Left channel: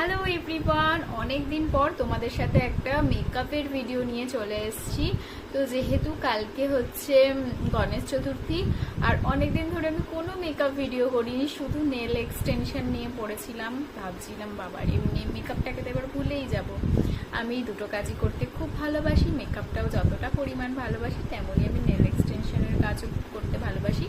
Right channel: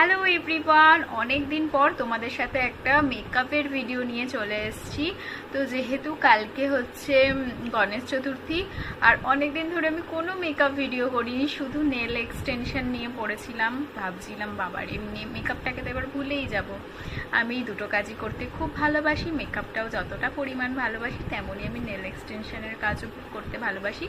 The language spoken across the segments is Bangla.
হ্যালো এভরিওয়ান, অনেক দিন পর তোমাদের সাথে একটা মেকআপের ভিডিও নিয়ে চলে এসেছি। তো যেহেতু কালকে হচ্ছে গণেশ চতুর্থী, আর অনেক দিন ধরে আমি কোনো মেকআপ ভিডিও করিনি, শুধু নেল এক্সটেনশন নিয়ে পড়েছিলাম। ভাবছিলাম বাবার এমনি মেকআপটাকে তো এবার ভুলেই যাব। আমি দুটো কাজই করতে খুব ভালোবাসি, মেকআপটাও যতটা পরিমাণ ভালোবাসি তেমনই আমি নেল এক্সটেনশনের কাজও করতে ভালোবাসি।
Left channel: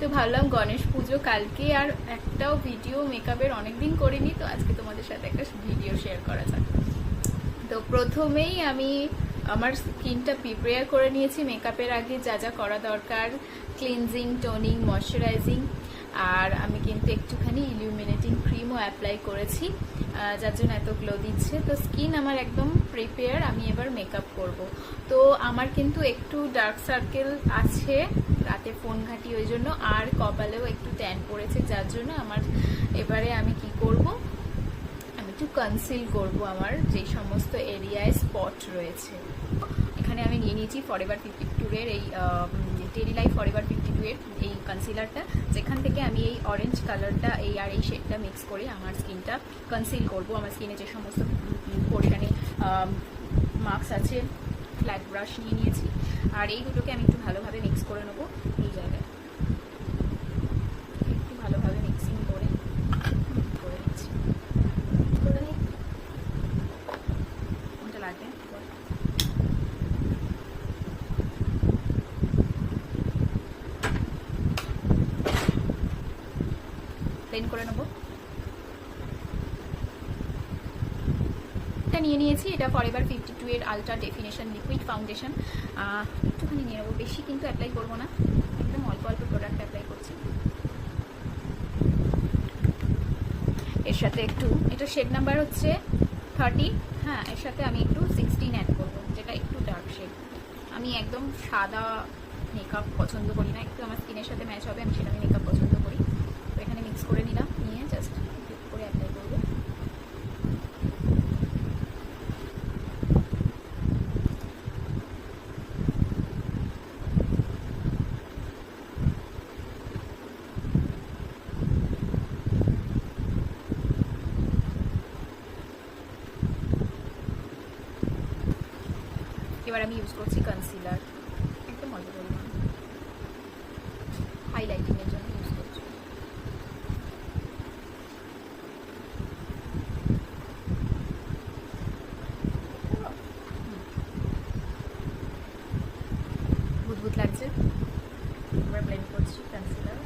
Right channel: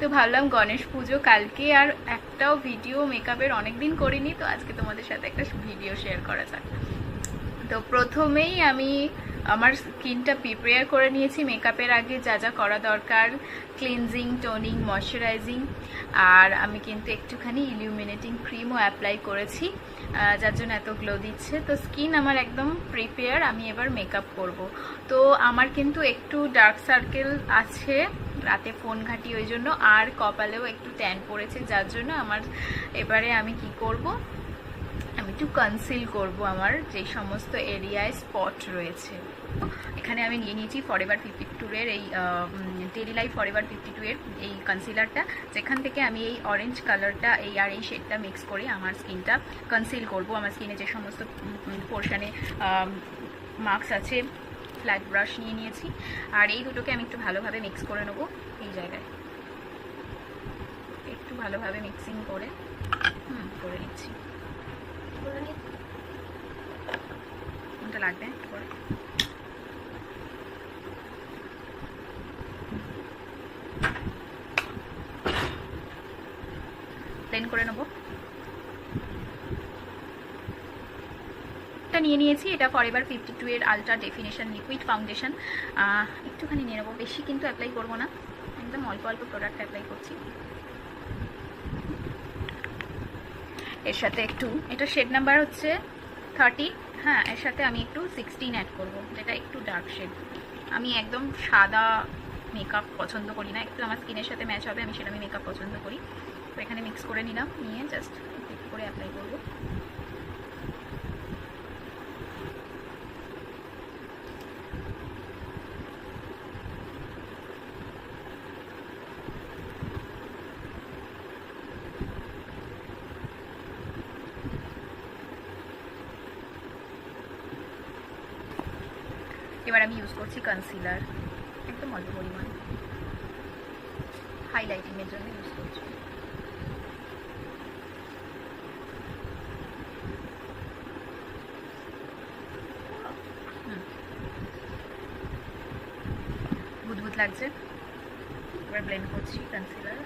তো ভাবলাম গণেশ পুজো কালকে, আর একটাও ভিডিও মেকআপের অনেকদিন করিনি, তো আজকে তোমাদের সাথে একটা ভিডিও শেয়ার করা যাক। তো প্রথমেই আমি আমার স্কিনটা প্রিপেয়ার করে নিয়েছি মেকআপের আগে যা যা করা দরকার, ক্লিনজিং, টোনিং, ময়শ্চারাইজিং, আর আমি কিন্তু একটুখানি ইলুমিনেটিং ক্রিমও অ্যাপ্লাই করেছি, যার জন্য এত গ্লো দিচ্ছে। তো স্কিন আমার একদম প্রিপেয়ার, আমি এবার মেকআপ করব। তো আমার কিন্তু একটু ডার্ক সার্কেল আছে, রাতে ফোন ঘাঁটি ওই জন্য, আর কপালেও একটু ট্যান পড়েছে, যার জন্য আমার এবারে আমি কি করব, আমি একটু কনসিল করব আমার যে সমস্ত এরিয়ায় স্পট রয়েছে। এখানে আমি নিয়ে নিয়েছি ফরএভার 52 এর এই ডেইলি লাইফ ফরএভার 52 এর এই কনসিলারটা, যেখান থেকে আমি এই অরেঞ্জ কালারটা এই শেডটা মিক্স করে আমার স্কিনটা কনসিল করব। আমার স্কিনে যে সমস্ত পোর্শনে মার্কস আছে, ফ্ল্যাট ব্রাশ নিয়ে নিয়েছি, আর এই দুটোকে আমি একটু ভালোভাবে মিক্স করে নেবো। এই জায়গায় একটু ভালোভাবে মিক্সিং করে করে নিচ্ছি। কোনটা লাগবে পরে ব্লেন্ড করে নেবো। এটা নিয়ে নিয়েছি, এটা ফরএভার 52 এর আলট্রা ডেফিনেশন লিকুইড ফাউন্ডেশন। একটুখানি নিয়ে নেবো, বেশি কিন্তু অ্যাপ্লাই করবো না, একদম অল্প অল্প প্রোডাক্ট অ্যাপ্লাই করছি। এর সাথে একটু, এটা শেড নাম্বার হচ্ছে 30, হ্যাঁ, এর সাথে আমি একটু 16 অ্যাড করবো, যেটা একটু ডার্ক শেড। আমি একদম সাদা মেকআপ পছন্দ করি না, একটু আমার স্কিনের সাথে ম্যাচ হবে, আমি সেটা মেকআপ পছন্দ করি। তো এখানে মিক্স করে নিলাম, নিয়ে জাস্ট একটু করে অ্যাপ্লাই করবো। এবার আমি ইউজ করছি কনসিলার, একদম অল্প পরিমাণ, হাইলাইটিংয়ের জন্য ইউজ করছি। বুদবুদ লাগছে, এবার ব্লেন্ড করছি কনসিলার।